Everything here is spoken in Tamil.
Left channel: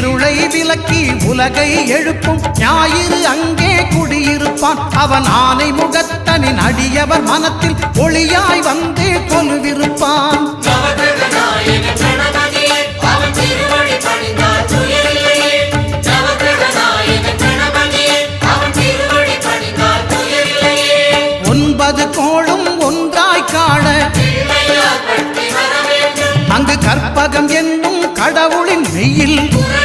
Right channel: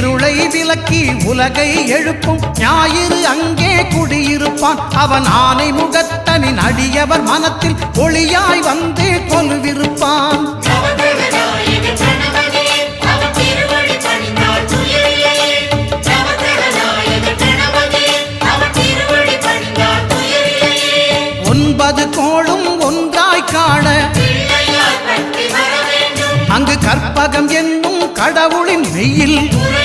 இருளை விலக்கி உலகை எழுப்பும் ஞாயிறு அங்கே குடியிருப்பான். அவன் ஆனை முகத்தனின் அடியவர் மனத்தில் ஒளியாய் வந்து கொலுவிருப்பான். ஒன்பது கோளும் ஒன்றாய் காண அங்கு கற்பகம் என்னும் கடவுளின் மெய்யில்